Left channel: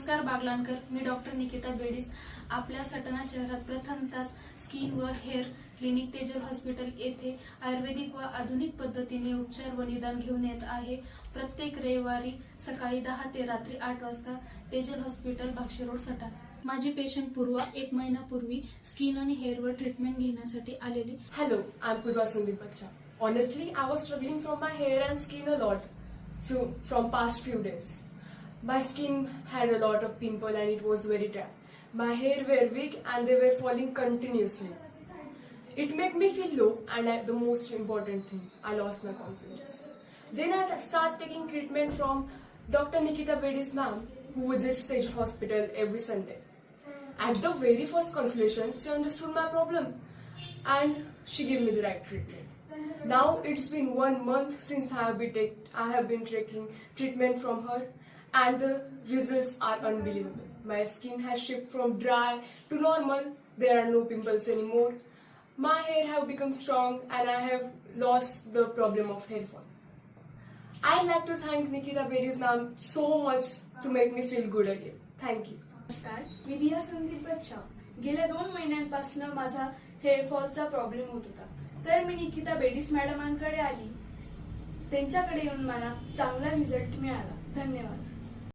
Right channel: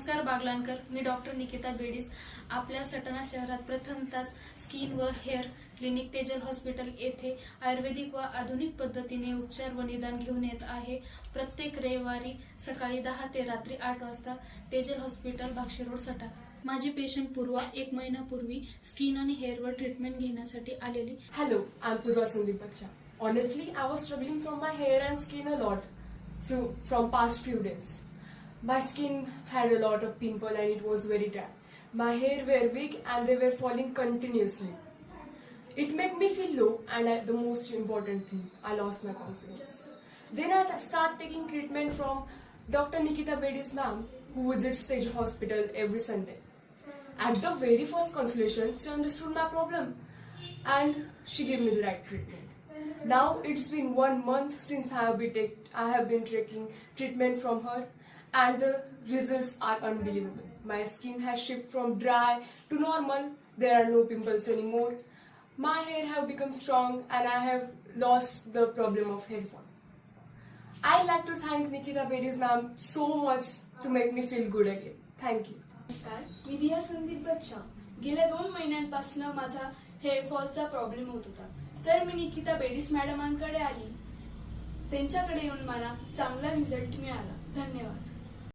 नमस्कार बागलाणकर, मी डॉक्टर निकिता बेडीस आपल्या सटाणा शहरात प्रथमतः स्किन व हेअर क्लिनिक तेजल हॉस्पिटल येथे आयुर्वेदिक व आधुनिक पद्धतीने उपचार व निदान घेऊन येत आहे। प्रत्येक रविवारी सकाळी 10 ते रात्री 8 वाजता तेजल हॉस्पिटल भाक्षी रोड सटाणा। माझी पेशंट पूर्वा 1 महिन्यापूर्वी स्किन आणि हेअरवर ट्रीटमेंट घेण्यासाठी आलेली। Hello, I'm Purva Sandeep Bacha. Honestly, I was struggling from my hair and skin a lot from past few days. My skin had a lot of pimple and it was very dry. My hair were weak and they were falling continuously. It made me feel low and the most important thing, I lost my confidence. Then I started taking treatment from Dr. Nikita Bedis ma'am, who visits Stage Hospital every Sunday. At the very first consultation, she understood my problem and she gave me the right treatment. Now it's been 1 month since I have been taking treatment from her and the results are unbelievable. My skin has shifted from dry to normal. There are no pimples anymore. My hair have become strong and I have lost the problem of hair fall. I'd like to thank Nikita Bedis ma'am so much to make me feel good again. Thank you. नमस्कार, मी दिया संदीप बच्चा। गेल्या 2 महिन्यांपासून माझा हेअरफॉलचा problem होत होता, तर मी निकिता बेडीस मॅडमांकडे आली। त्यांच्याकडे येऊन मला चांगला रिझल्ट मिळाला। धन्यवाद।